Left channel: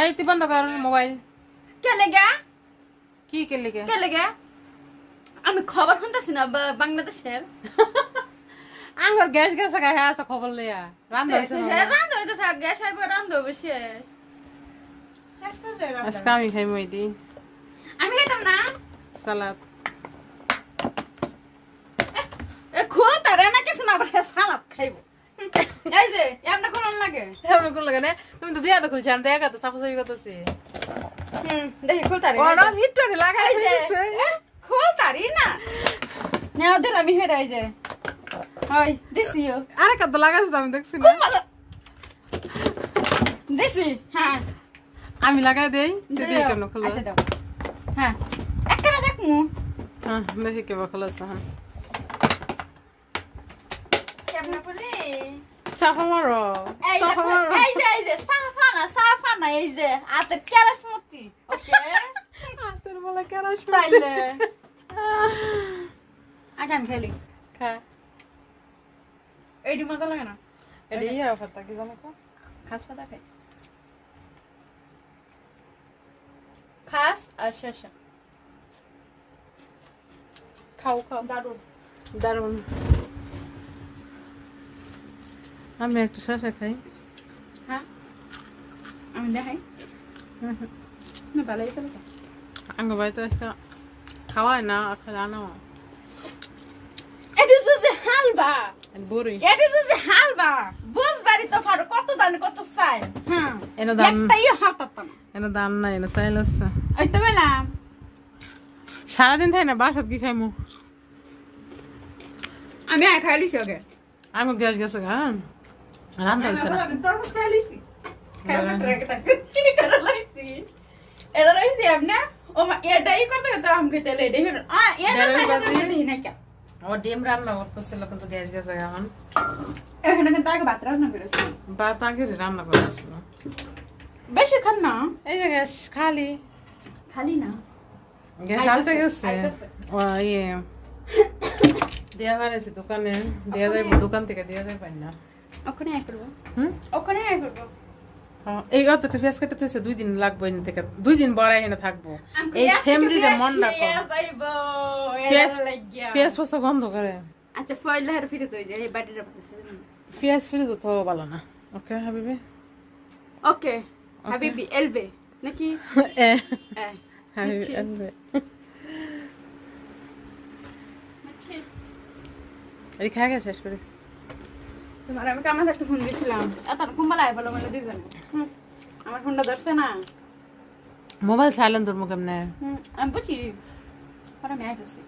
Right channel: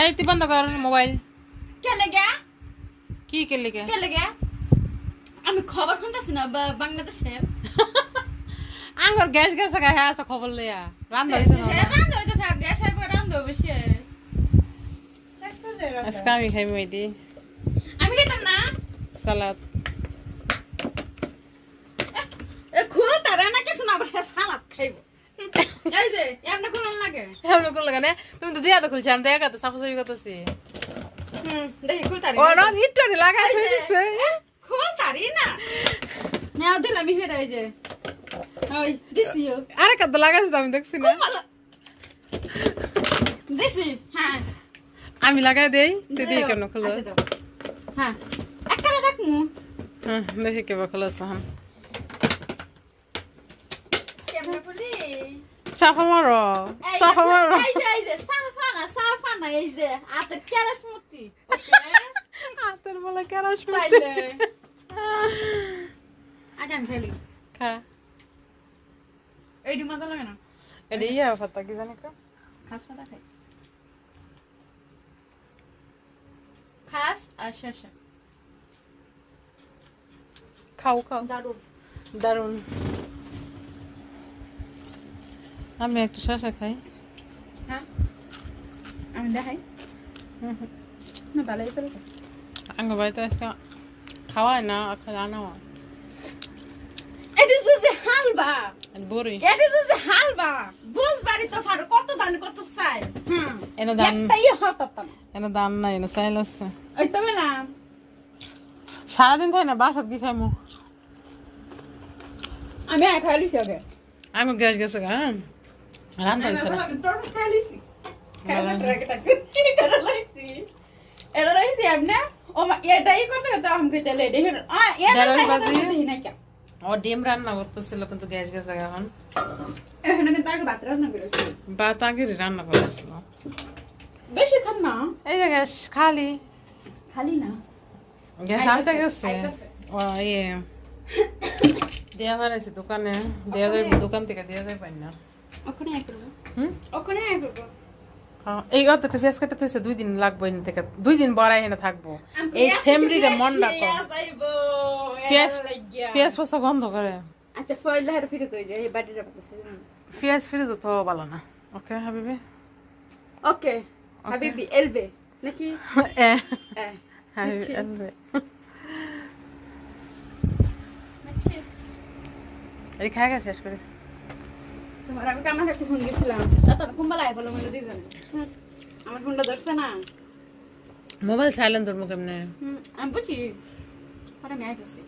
এই তুই বন্ধ কর মোবাইল। কে লেগে? কি কে লেগে? কে লেগে? আমি খবর শুনতেছি না বাংলাদেশের। আঙ্গর গ্যাস গেছে গা হ্যাঁ খবর লইয়া রান্না হইছে না। রান্না হইতে থাক, গ্যাস আইবো রান্না হবে শেষ। আজকে আমি খাইবো এটি। আমি খাইতাম না। সালাদ। এ খোল তারে না কিছু না আবার সালাদ খাইবো। এই যে এমন কোন লাগে? এমন কোন লাগে না? তুমি তো দিয়া তো খুলছ আমি দেখা তো সাফাসাফি করতেছি। দেখি খোল তারে। ও না হিটরে লাগাই হইছে। খোল তারি না। না দিলাম আমি হেরাই যে। ওই দিছিও। আরে কত লাগাইছ আমি দেখছি না। দিছি হ্যাঁ। আমি লাগাই দেই দিদি কেন খোলো? হ্যাঁ একলা দেখমু। হ্যাঁ দেখি কেবা খোলাছ হ্যাঁ। কেমনে বলি? চাপা মারো। চাপা মারো। এই যে সাফা না এই যে আতের কেরাসমতি। ওকে আতের বলে কেরাসমতি। তাইলে আগাম খেলি খা। এইডি মজা লাগে না? এডি ইয়া পাতা কি জানি কো? খাস পাতা খাই। খাস আর শেষা। খাও খাও দারুন দারুন। আমি একটু শসা খাই। হ্যাঁ আমি দেখাই না ভালো হয়েছে আঙ্গ বাড়িতে একটা খাওয়ায় না জানো এটা যে হালবা বড়ি এটা যে হালবা বুঝবারি তো ফার কত দান কত চাই হ্যাঁ এনে দাম একটাই হাতাতাম এনে দাম নাই এনে চাইল আছে ওই তো বললাম সারাদিন থাই না বাসাত কি খাইমু আমি খাই লিছি ওকে আমি গ্যাস গেছে গা রান্না হইছে না আমি তোর খাই লিছি এটা লাইছি আপনি ও এটাই করতে করতে আমাকে চলে দেখুন এটা ও ডিম রান্না করতেছিল কিন্তু গ্যাস গেছে এখন এখানে কিন্তু আগে ভাত রান্না করেছি ভাত আগে রান্না করেছিল বেশি খান না এই যে গ্যাস খালি খালি না গ্যাস আনতে গেছে ও ইয়ে দেয়া বানাইছি দোকানে দেয়া যায় দোকান থেকে দেয়া যায় পাই না ওখানে আই করব ওখানে আই করব এই অতটা ফেস কাটতে হইছে 2 দিন লাগবে এনে থেকে 2 দিন বড়াই এনে থাকবো এই ফ্যামিলিরে মন রাখো ফেস ফেস গন্ধ করে আচ্ছা ফয়েল হার ফিরে তো যায় বাড়ির পাশে ফেস ফিরে তো ভালো না ওকে হাবিবি ওকে হাবিবি এলবে নাকি হাবিবি এলবে এই খাওয়া শেষ করে তোমার আমি কামার একটা ফোন দিয়েছিলাম এত কুম্বালা বলো মানে দুইজন আমার ফোনটা ধরছে না মোবাইল সাইলেন্ট ধরবো কেমনে আমি বুঝি তারা মেয়ে গেছি